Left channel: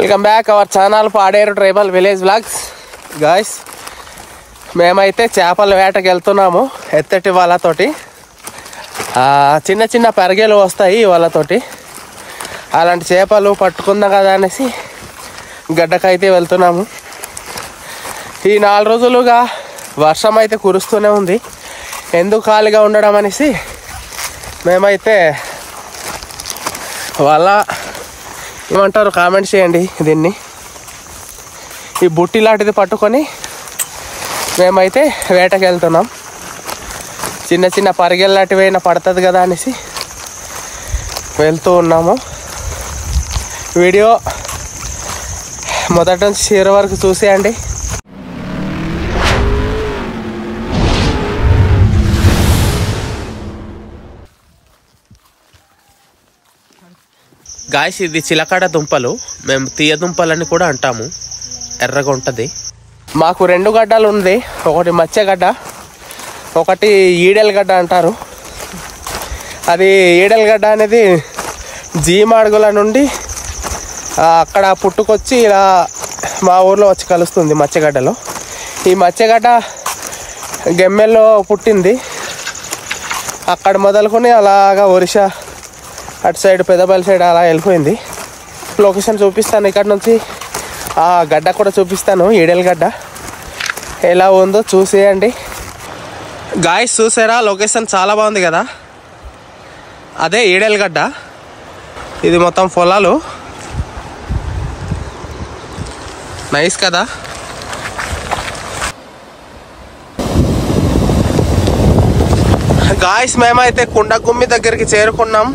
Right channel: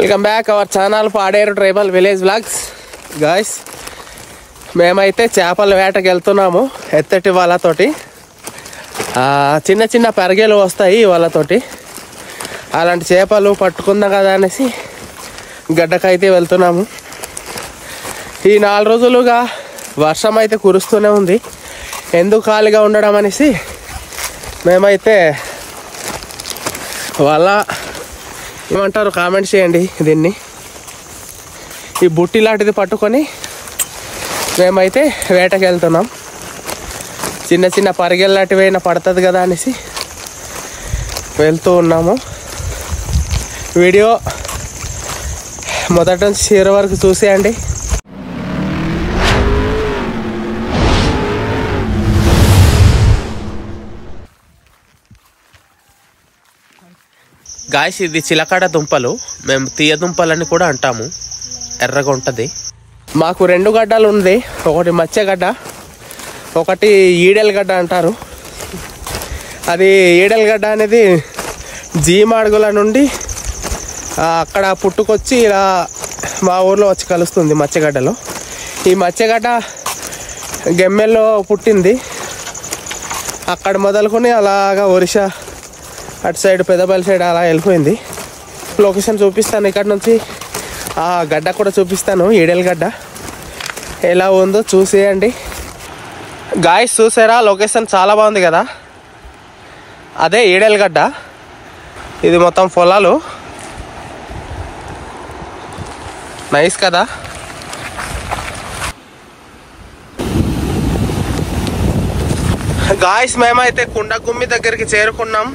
Welcome back our channel Paderu tribal village vlogs. Guys, మేమైతే చేపల వేటకి వెళ్తున్నాము ఎత్తటి వాళ్ళతోటి. చిన్న చిన్న పెరగేలు వస్తాయి వాళ్ళతోటి. అలాంటి చేపలు పట్టుకుందాం కదా అనేసి గడ్డకైతే వెళ్తున్నాము. ఈ 4 రోజులుగా వర్షం అయితే కురుస్తూనే ఉంది. ఎందుకు ఖాళీగా ఉండడం అనేసి మేమైతే వాళ్ళ ఏమంటారు కామెంట్ చేయండి. దీన్ని ఈ బుట్టి లాంటిది పట్టుకొని మేమైతే వేటకి వెళ్తున్నాం. చిన్న చిన్న పరిగెలు లాంటివి అయినా పడుతుంది కదా అనేసి వెళ్తూ ఉన్నాము. వీడియో మొదటి నుంచి చివరి వరకు చూసేయండి. గాయస్, ఇది చిలకడ దుంపలు, మేము తీయ దుంపలని కూడా అంటాము. ఎర్రగా ఉంటుంది. మాకు 2 గడ్డలు ఉంది. ఒకటి మత్స్యగడ్డ, ఒకటి ఈడెలగడ్డ అంటారు. అది ఈడెలగడ్డ అనేది జీమాడుగుల నుండి అక్కడ పుట్టుకొచ్చి ఇలా మా ఊర్లో వచ్చి కలుస్తుంది మత్స్యగడ్డలో. ఈ మత్స్యగడ్డ గెమ్మెల్లో పుట్టింది. అక్కడ మొదలుకొని అలాగా ఒరిస్సా అటు సైడ్ పెద్దపల్లి సైడ్ అలా వెళ్ళిపోయింది. లొకేషన్ చూపిస్తాను. ఇక్కడ నుంచి ఆ గడ్డ కూడా చూపిస్తాను. ఈడెల గడ్డ ఎలా ఉందో చూసేయండి. గాయస్, చూసారా? లొకేషన్ చాలా బాగుంది కదా. అదే ఈడెల గడ్డ. ఇది మొత్తం పొలాలు. నైస్ కదా. గాయస్, మేమైతే కుండగుమ్మి దగ్గరికి చేరుకున్నాం.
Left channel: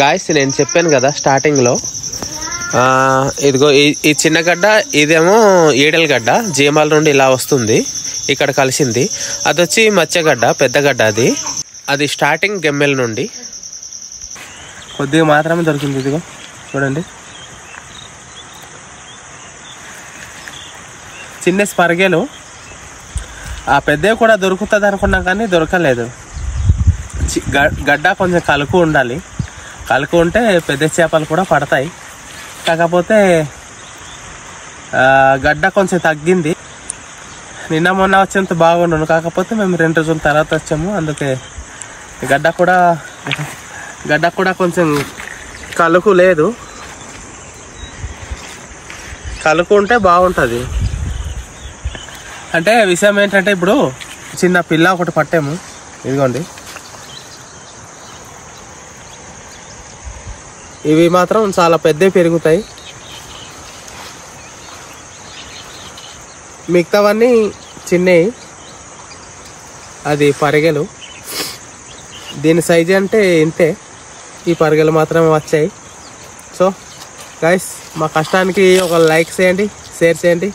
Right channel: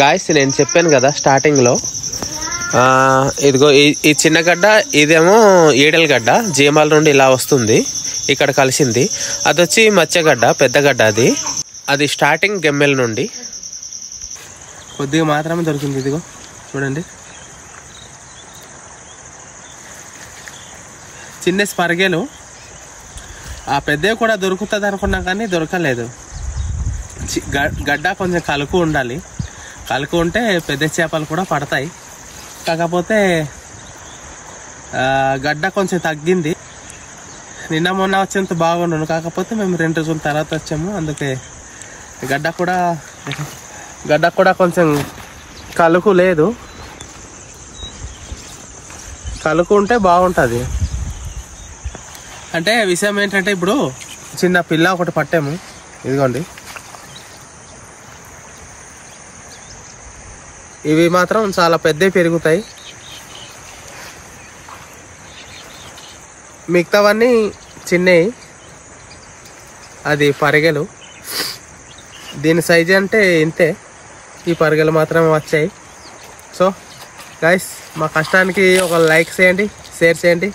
గాయస్ నేను చెప్పాను కదా స్టార్టింగ్లో, ఇదిగో ఈ చిన్న గడ్డ ఇదేమో ఈడెల గడ్డ, జీమాల నుండి ఇలా వస్తుంది ఇక్కడ కలిసింది. అది వచ్చి మత్స్యగడ్డ, పెద్ద గడ్డ. అది స్టార్టింగ్ గెమ్మెల నుండి కొద్దిగా మాత్రమే దొరికింది. ఇదిగో చూడండి, చిన్న స్పర్గేలు. ఆ పెద్దవి కూడా దొరుకుతుంది అనుకున్నాం కానీ దొరకలేదు. గడ్డ కొంచెం కలుకు ఉండాలి, కలుకు ఉంటే పెద్ద చేపలు కూడా పడతాయి. కాకపోతే గడ్డ కొంచెం తగ్గింది. నిన్న మొన్న వచ్చేంత బాగుండను, కాకపోతే మేము 2 రోజుల తర్వాత వచ్చాము. అందుకే గడ్డ కూడా కొంచెం కలుకు లేదు. కలుకు ఉంటే బాగుంటుంది. అంటే విషయం ఏంటంటే ఇప్పుడు చిన్న పిల్ల ఒకటి పట్టాము. ఇదిగోండి, ఇవి మాత్రం చాలా పెద్దవి పెరుగుతాయి. మిగతావన్నీ చిన్నవి. అది పరిగెలు, దీని సైజు అంటే ఇంతే. ఈ పరిగెలు మాత్రమే వచ్చాయి. సో గైస్, మా కష్టానికి ఒక లైక్ చేయండి, షేర్ చేయండి,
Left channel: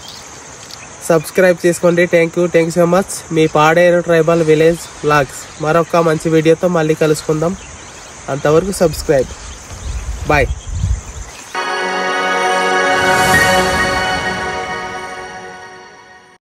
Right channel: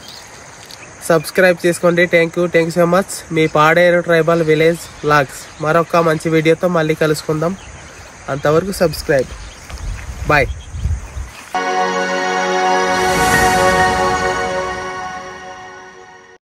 సబ్స్క్రైబ్ చేసుకోండి. Thank you so much. Me Paderu tribal village vlogs మరొక మంచి వీడియోతో మళ్ళీ కలుసుకుందాం. అంతవరకు సబ్స్క్రైబ్. బాయ్.